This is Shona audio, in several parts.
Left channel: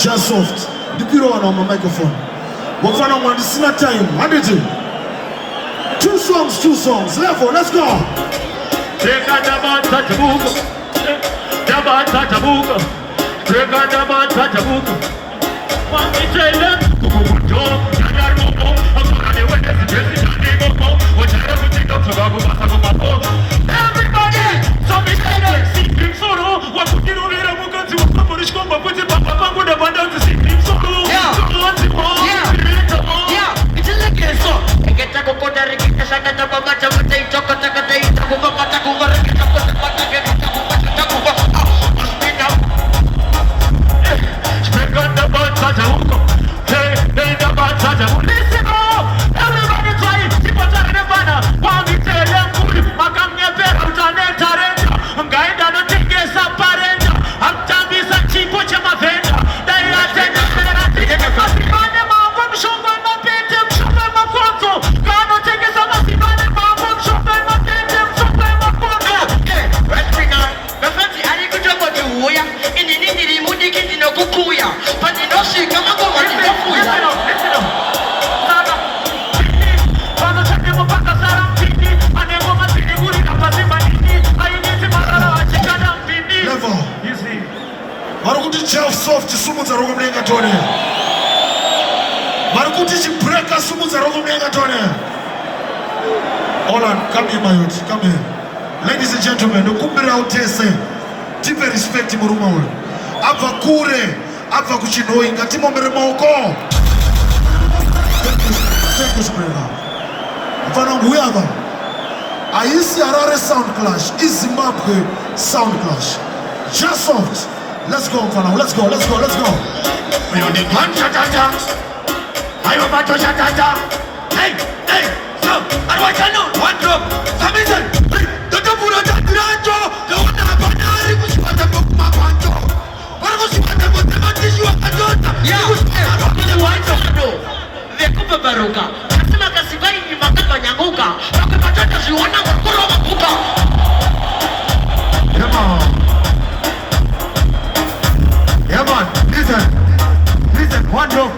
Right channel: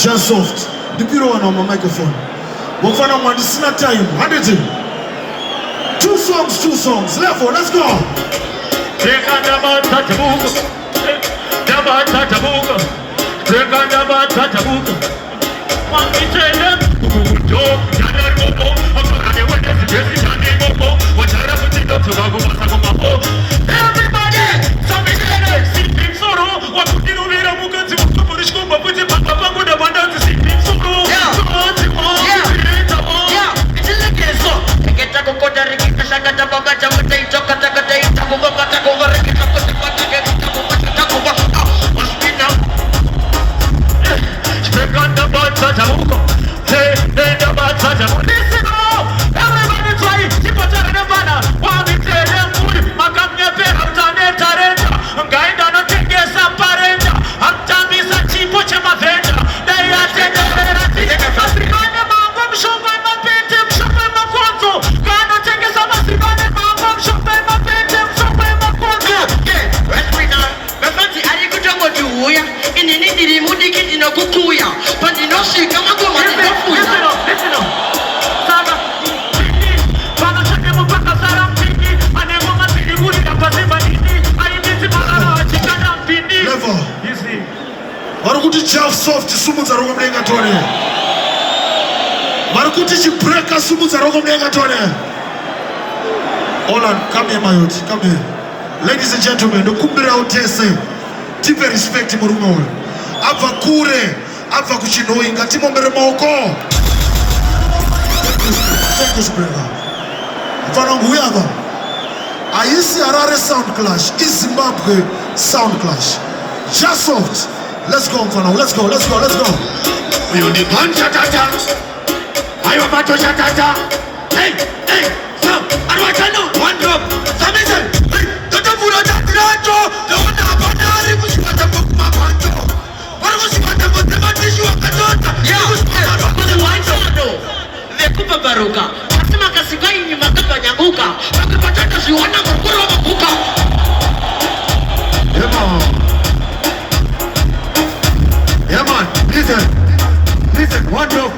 Just soft. The bureau on my microphone. What fun on this is not time. How did you? Two songs. Level, let's go. Take on the bad Tatabuko. The bad Tatabuko. Take on the bad Tatabuko. One day, everybody, somebody, sit him solo. What would you do? Soft sumu za rogo mlenga tone. Marukuti chibreka sumu za rogo mlenga tone. Hold on, come here my youth, come here. Ladies and gentlemen, dokumbira utese. Tipe respect murumo. Ava kure, ava kuchinoi ngati mombere maoko. Thank you, brother. Mfano nguyava. Aisi Harare Sound Clash, Zimbabwe Sound Clash. Just soft. Let's go for now. Let's go. You need one chatata. I am about to chatata. Hey. So, I want to know one drop. Samisen. Hey, the Buddha Tatrajo. The one that Banari was what the book my panto. What was what the mathematician you are daughter? Yeah. The Kupa Baruka. Kasima Kasikai ni Makapa Nyamuka. Wakapata shiwana mkuru makuka. Listen, one drop.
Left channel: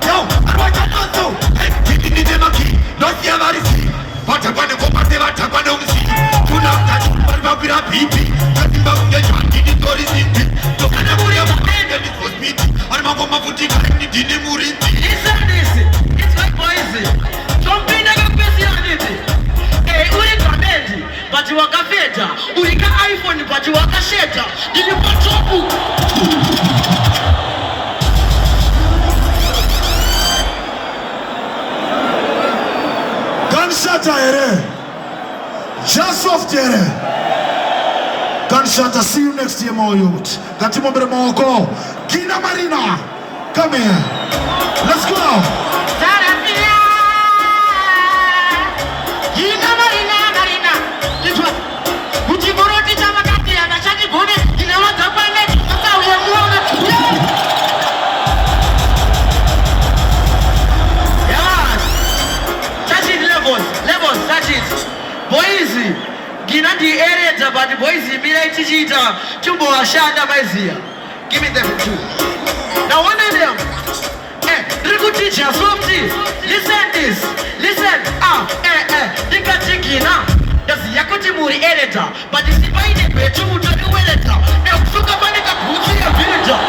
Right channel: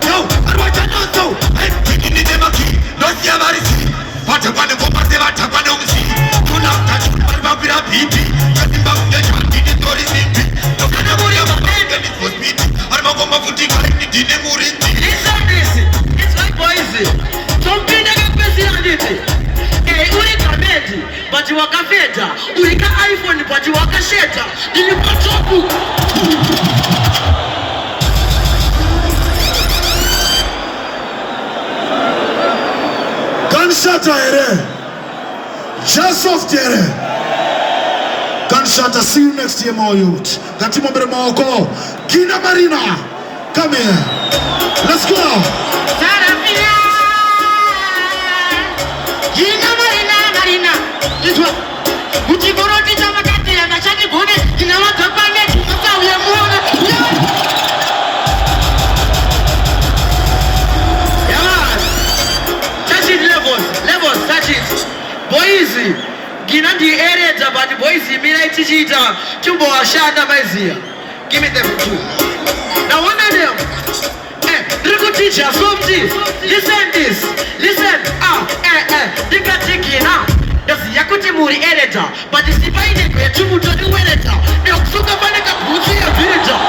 Yo, I want to know so. Hey, taking the demaki, not the Amarisi. What a wonderful party, what a wonderful see. Do not touch Barbara Pipi. Nothing but the joint in the story city. To Canabori of a man, and it was meeting. I'm a woman for the kind of dinner. Listen, it's like poison. Something like a personality. Hey, Urika Medi, but you are a feta. Urika iPhone, but you are a shatter. Did you put your book? Gunshot here. Just off there. Gunshot, see you next year, my youth. Gatimo Bremoko. Gina Marina. Come here. Let's go. Gina Marina. This one. Ujiboroti Jamakati and Achaki Bone. In our Japan, we are levels, touch it. Boys, Gina the area, but the boys, Mila Tichita, Tumbo Shanda Maizia. Give me them two. Now, one of them. Hey, little teacher, Swapti, listen. Gina. That's Yakuti Muri editor, but the divided by two to the editor. Now, Sukabanika Buki a villager.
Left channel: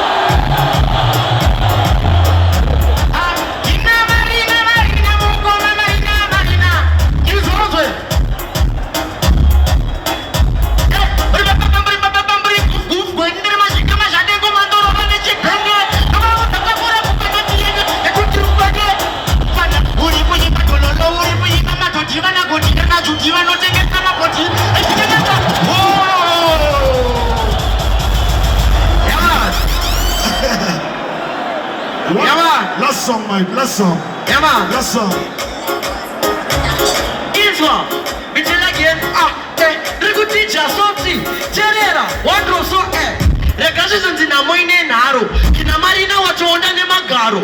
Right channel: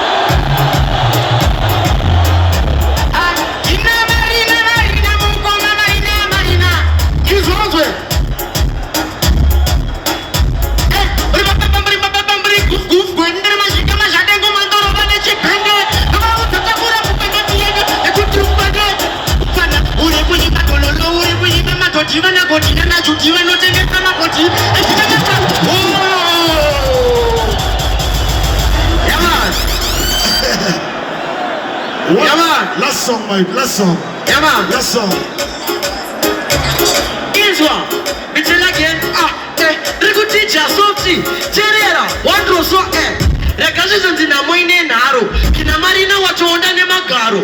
Last song, mate. Last song. This one. It's again. Little teacher, Sophie, Terera, one draw so air. The Gazans in a moine narrow. Kina Marina, what you want to Magaro.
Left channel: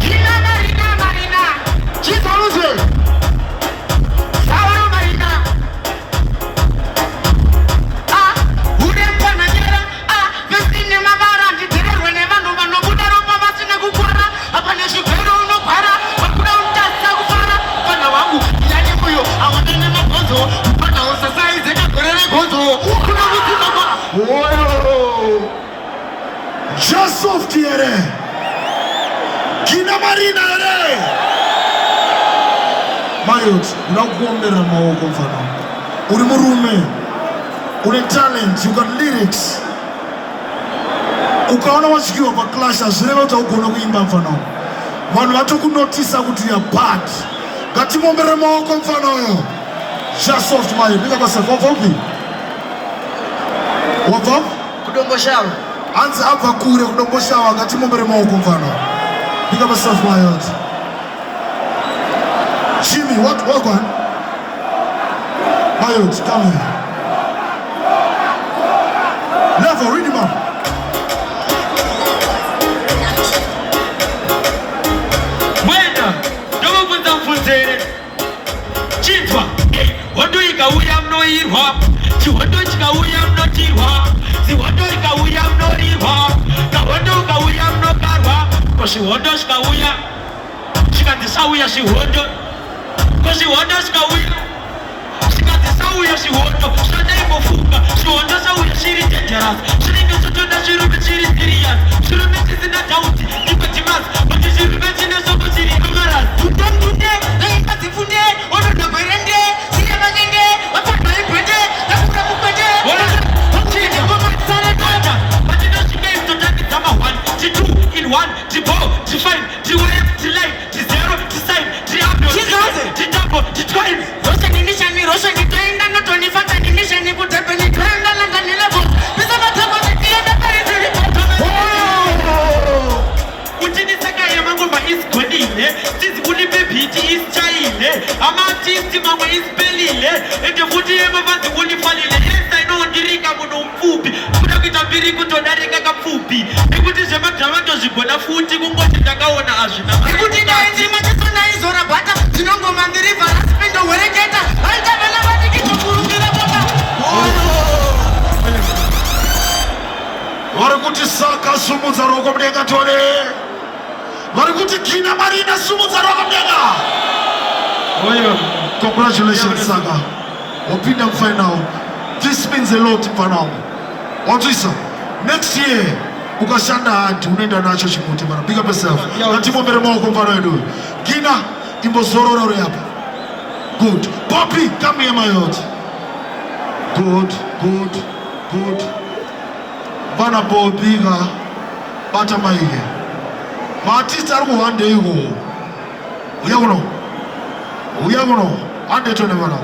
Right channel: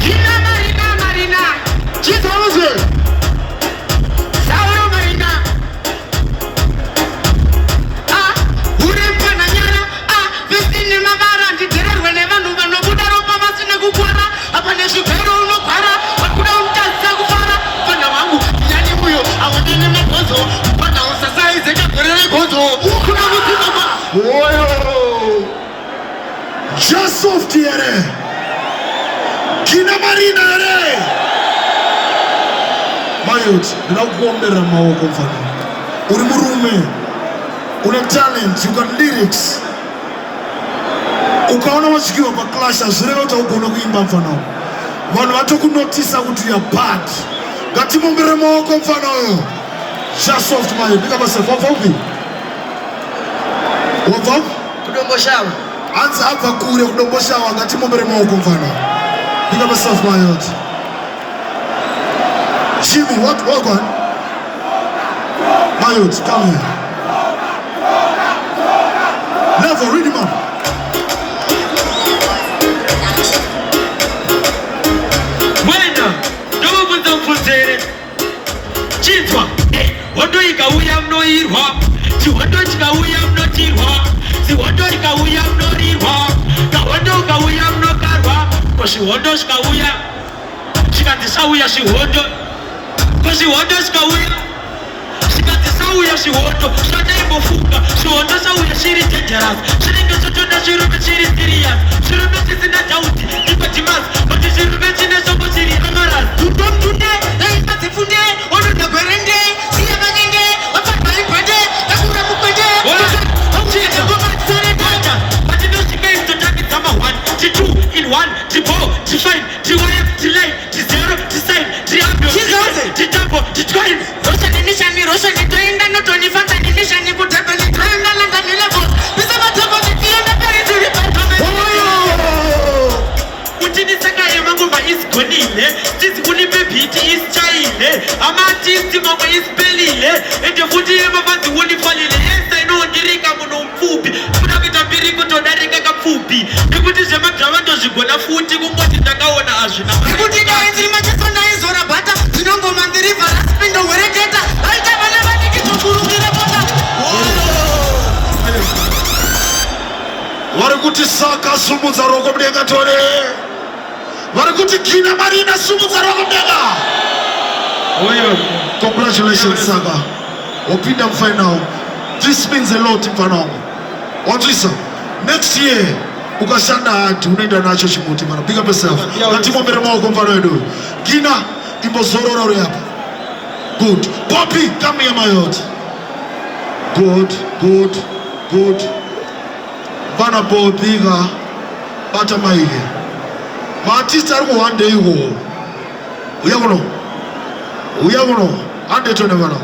Gina Marina. She's always well. Sour Marina. Wouldn't soft here. Kina Marina here. Mayot, unakuombera maoko mfano. Uri murume. Una talent, you got lyrics. Ukaona washikiwa kwa Clash azureva utakuona kuimba mfano. Vanhu vatokunotisa kuti you are bad. Ngatimombere maoko mfano. Just soft Mayot. Pick up yourself. Wabva? Kudomboshawa. Anza hapa kure kudomboshawa ngatimombere maoko mfano. Pick up yourself Mayot. Jimmy, what one? Mayot, come here. Never read him up. Bueno, yo voy a funzere. Chitwa, wado ikauya mnoirwa. Si wado ikauya mnotirwa. Si wado ikauya mnorirwa. Kawado ikauya mnokarwa. Kosi wado ikauya. Shikatisauya si wado. Kosi wado ikauya. Shikatisauya si wado. Shada ibofuka. Si wado sauya shiri teteras. Shiringi sotona shirume shiri sirias. Shirume sisina jauti. Ipatimas. Bati shirume chine sobo shiri amaras. Tutom tunde. Kati funde. Ono nagwerende. Siya bagenge. Wataka ipende. Akura kupende. Chine kumo sare tata. Bati no shime istotaki tama 1, 2 in 1, 5, 5, 9, 0, 9, 12. Rosha nitaenda noto nifanta nimisha nikutepe nitaenda lenda nilevo. Bisa matama nitienda kare tulipatame. Utinisaka yemangoma isigonile. Sisi kunipe biti isichayile. Ama artisti mama isipelile. Ende futi yemavanzi unifalile. Yes I know ndirika muno mfupi. Kuna vitabiri kutondarika kafupi. Nikuti sema dramato zigona futi. Kungozi ndakaona azvina. Nikuti daenzi machesa na izora bata. Zinongo mandiri valaspindo wereketa. Alta vala vata kitukurukira bata. Varikuti Saka sumudza roko mdenga tore. Varikuti Kina Marina sumudza roko mdenga. Congratulations Saka. Opinda final. This means a lot mfano. Wantisa. Next year ukashanda hatu unaenda nacho chimuti bana. Pick up yourself. Natimombere maoko mfano yedu. Kina imbozorora uri hapa. Good. Bobby, come here Mayot. Good. Bana Bobby ga bata maige. Maartist ari kuhande iwo. Uyagono. Ande tone bana.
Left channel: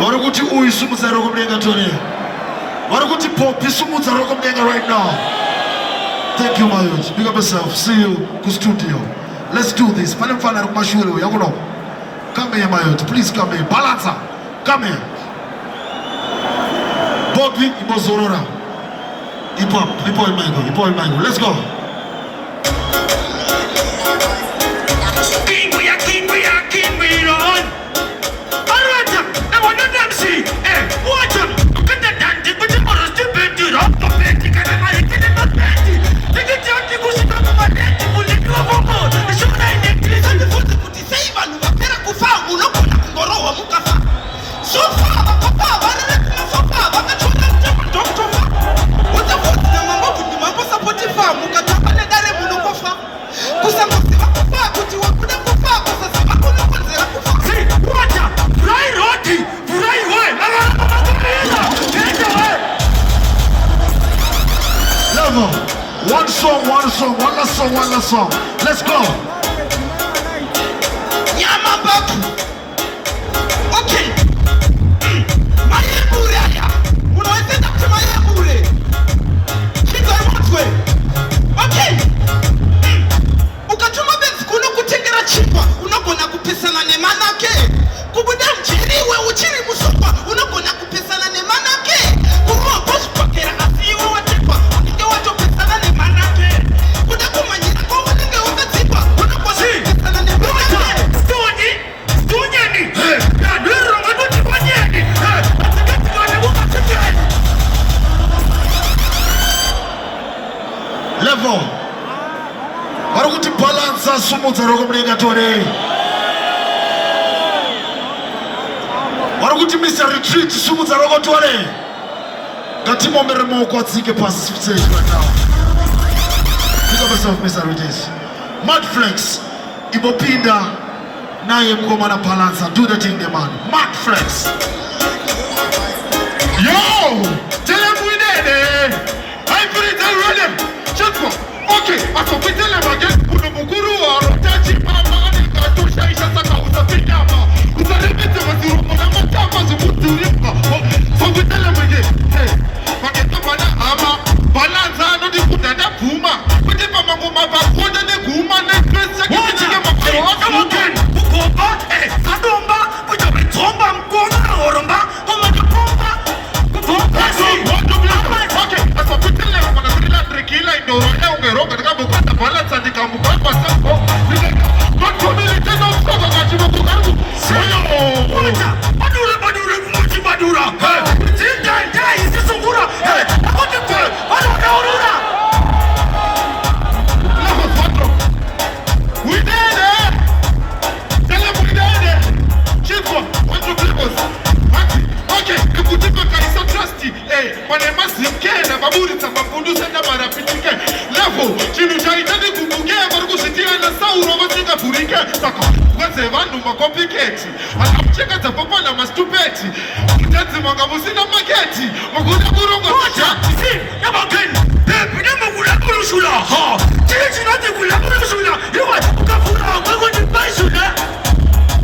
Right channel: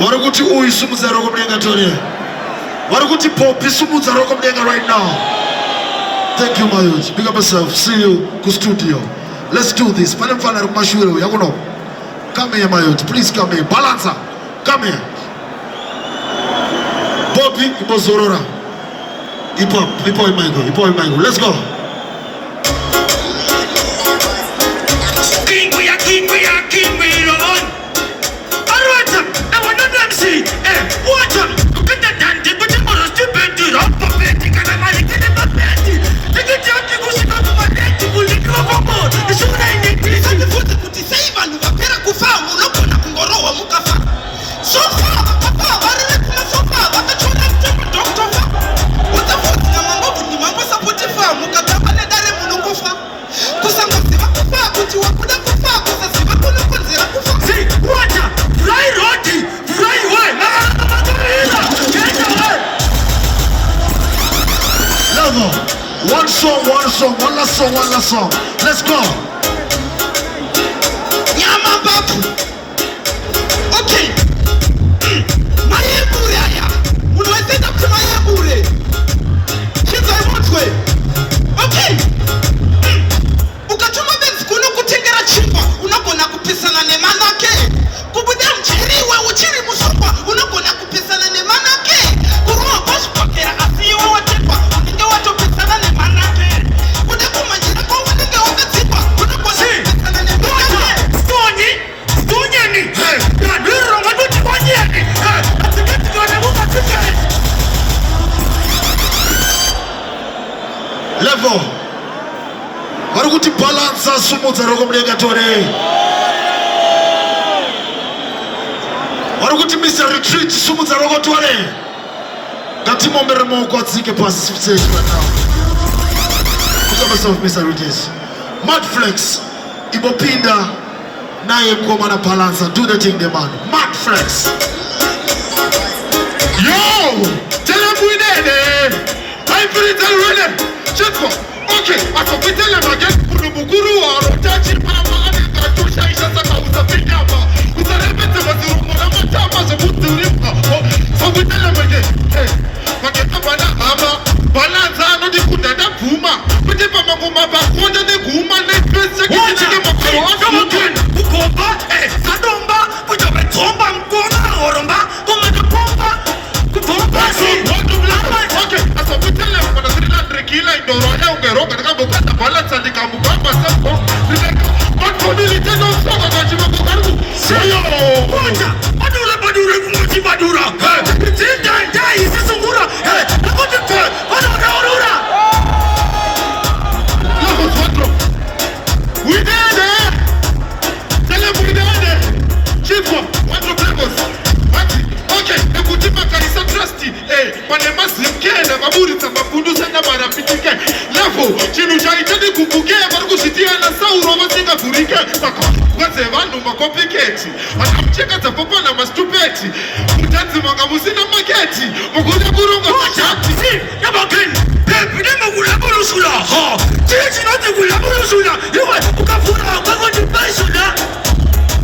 Varikuti uyu sumudza roko mdenga tore. Varikuti Poppy sumudza roko mdenga right now. Thank you Mayot. Pick up yourself. See you ku studio. Let's do this. Pane mfana ari kumashure yakuno. Come here Mayot. Please come here. Balancer. Come here. Poppy kumbozorora. Ipo imango. Let's go. Watch out! Look at that, but you must stupid. song, one song, one last song, one last song. Let's go. Nyama babu. Okay. Mayebure haya. Unaweza kusema mayebure. Cheza mtwe. Okay. Ukatuma benzi kuno kutengera chimba. Unakona kupisana ne manake. Kubuda mchiri we uchiri musokwa. Unakona kupisana ne manake. Kurua boss pakera asiyo watepa. Ninge watu pisana ne manake. Unakumanyira kwa ninge wakazipa. Unakona kupisana ne manake. Stonyeni. Hey. Ya nira ngaduti banyeni. Hey. Atikati buka tiketi. Level. Warukuti balance sumutsa rokomregatore. Warukuti Mr. Retreat sumutsa rokotore. Gatimo meremo kwatsike past stage right now. Pick up yourself, Mr. Retreat. Mudflex ibopinda naye mkoma na balance. Do the thing, the man. Mudflex. Yo! Tell him we did it! I'm pretty running! Check for. Okay, akopitele mageni kunumuguru wa rotachi mama anika tusha isha saka utapindama. Utarepete mazurumu na matama zubuturimka. Fakutele mageni. Hey, mageni bana ama. Balanza anodi kudada puma. Kutipa maguma bakonde ne guma ne pesa kichike makoro afuken. Ukomba, sadumba, kujabe tomba mkoma oromba. Kumata pomba, kupomba si. Watu blama. Okay, akopitele kila indorona ungero katika bukata balance andika mbamba sasa bakoni tena usoko kachimo kukaru seyo badura kumuchi badura tinda dai sisungura akote ko badura lako fatro widade telefone chiko watu plebos wati okay nikutima kaisa trusty panema simkenda kaburi sababu senda mara pituke levo chinu chaitani kukukea baruku sitia na sauro masinga furike saka waze vandu makompliketi atamcheka tapopo na mastupeti mtanzi mwanga musina maketi mkuda kurunga machati si yabakeni pepi nema kula kurushula ha chichi nati kula kurushula iwa ukafura ukakondi pasula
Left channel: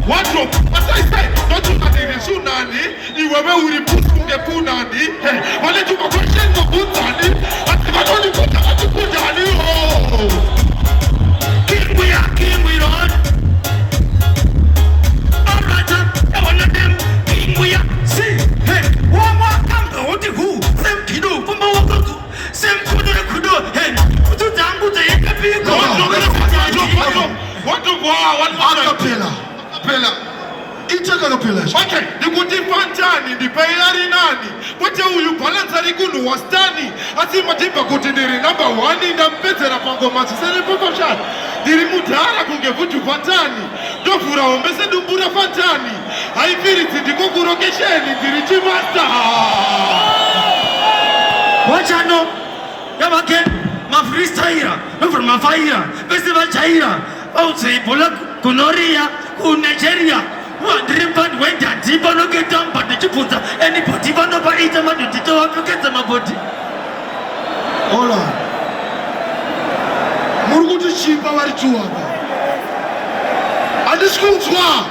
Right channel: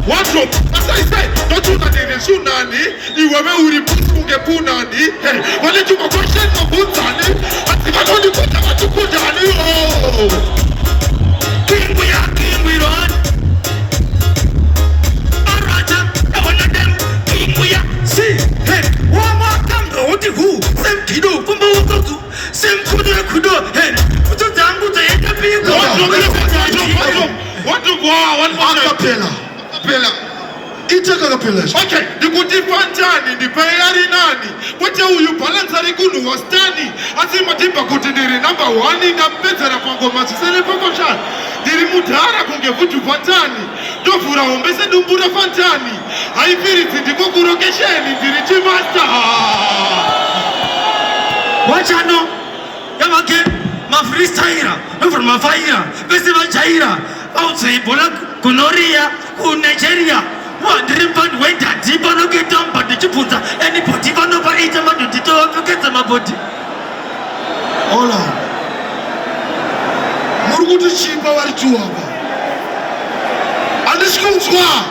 wardrobe asai don't you that in sunani iwewe uripusi ungepunani wale tumakoshen mabutani atikatoni kuta katukudani King Ron Arata Ewaledem King si hey Wama Kambo Otihu Sem Kido Kumba Wakoku Sem Kudura Kudo hey Kuto Tangu Te Eka Piko Acapella. Itaka acapella. Okay, nikuti fantani, ni bayari nani. Wote huyu balanza rigunu wastani. Asima tipa kutindiri number 1 nga mpetera pango masisele poko shan. Diri mutara kunge vutu fantani. Dofura ombese dumbura fantani. Haipiri tindiko kurokesheni, diri chimasta. Wachano Yamake Mafristaira Over Mafaira Festival Chaira Outside Bola Kunoria Nigeria wandering pan went at Ziba no get down but the Chiputa anybody van over 8 months to forget my body. Hold on. Murugudu Chiba Warchuaba. And the schools were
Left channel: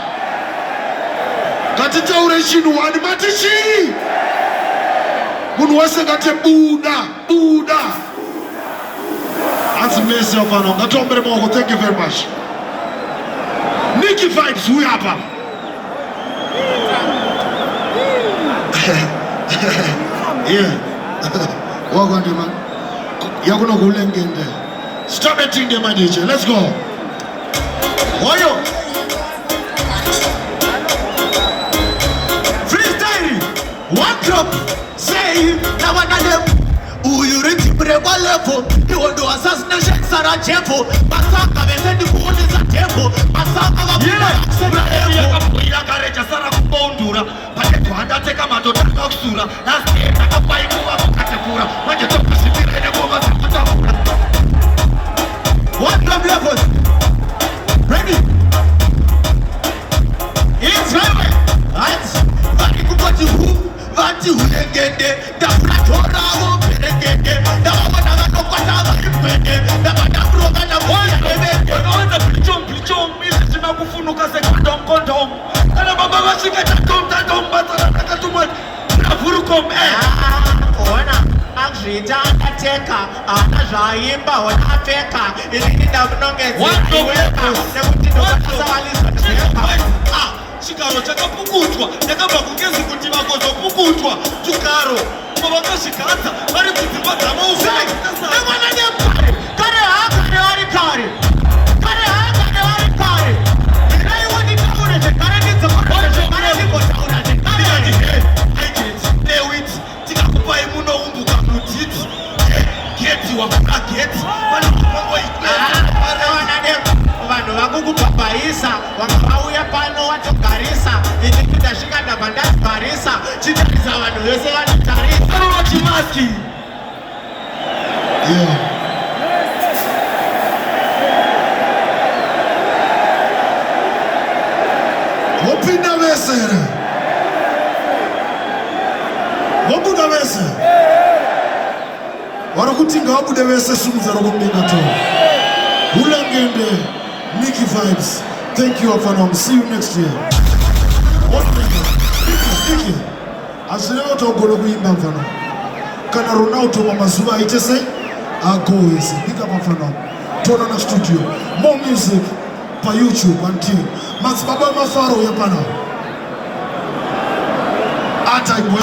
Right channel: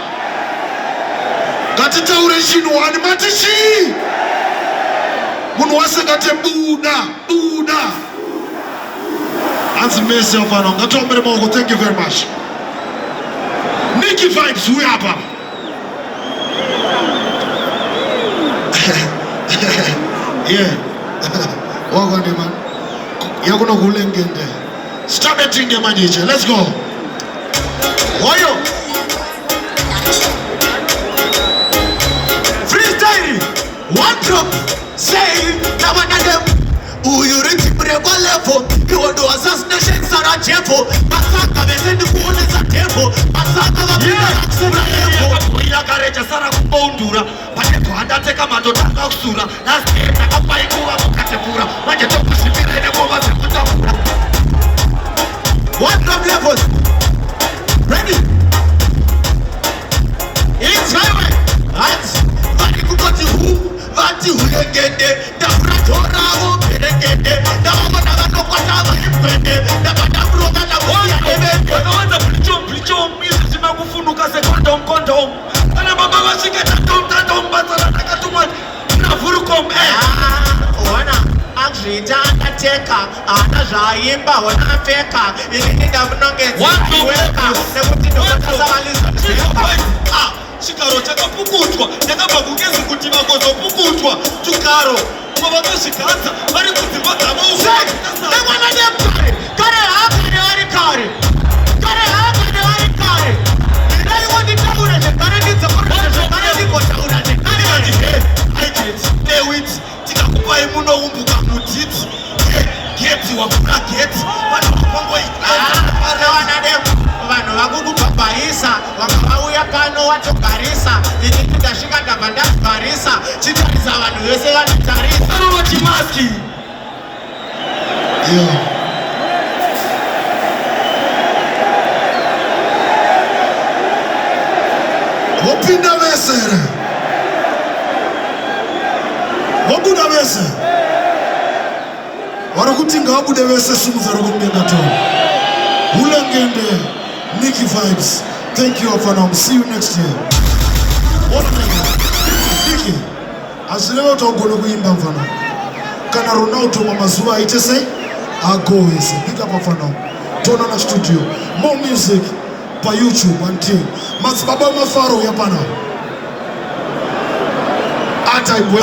Gatita Ureshinu and Matishi Munwasa Gate Buddha. That's mercy of honor. Thank you very much. Nikki Vibes, we are yeah. Walk on the man. You're gonna go in there. Stop it in the man, DJ. Let's go. Wayo. Freestyle. One drop. Say, now another. Who you reach Breva level? You want to assassination Sarajevo. Masaka, the phone is a table. Masaka, the Kuya Gareja Sara Bondura. Pateto, and I take a mato to Sura. Last year, I got by Katakura. What you talk to one drop level. Ready? It's time. That's what you got to who? What you get there? The Pratora. kwende ndabada broga na boya ebende Wanaanza plichom mimi sina kufunuka kondom ana baba washike tatom batala nakatuma na furukom ona Angita atateka ana zvaimba ona pfeka ini ndabunongedza iweka nekuti ndokasavaliza chikaro chakapukutwa ndakabva kugezi kuti vakozopukutwa chikaro kwavakazvigadza vari kudzimba dzamausa nemwana nekare kare hakare vari kare iraiwo nditaura zvekare ndidzekoaa zvekare ndigotaura zvekare aiget tikakupai munoumbuka mudzidzi geti wakuna geti vanhu vanhu vakukubhabhaisa vakavauya pano watogarisa ini ndikasvika ndabva ndazibharisa chitarisa vanhu vese vanotarisa vanova chimaski Vopinda vese here. Vobuda vese. Varakuti ngabude vese sunufara kungenda toa. Hulangende, Nikki Vibes. Thank you Afanam. See you next year. Nikki, azileva utogolo kuimba mfana. Kana Ronaldo wa mazuwa itese, agoes. Big up Afanam. Tona na studio. More music pa YouTube until Matsibaba Mafaro yapana. Ata ibwe.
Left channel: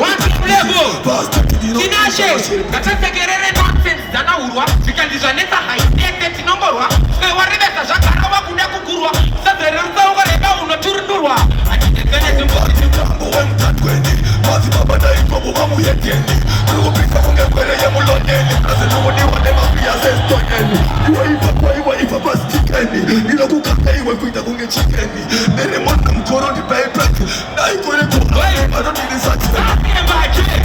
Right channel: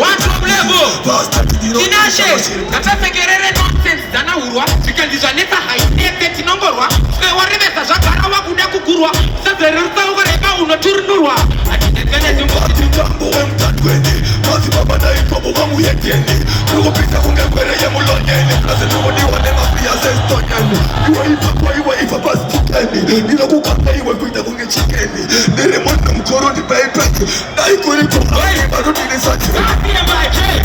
Watu wa mlego Tinashe Katafekerere nonsense Zana urwa Vikandizwa neta hainete tinongorwa Waribeka zakara wakuda kukurwa Sazeruta ukareba unoturundurwa Akitekele Tikambo wemtatweni Mazibabada ikobo kamuyeteni Kulupisa kungekweleye muloneni Nasenumoniwa nemafia zestonyeni Iwe ipakwa stikeni Nilo kukaka iwe kuita kunge chikeni Nere mwana mkoro ni baipeti Na ikuri kumani Madotini sati Satie mache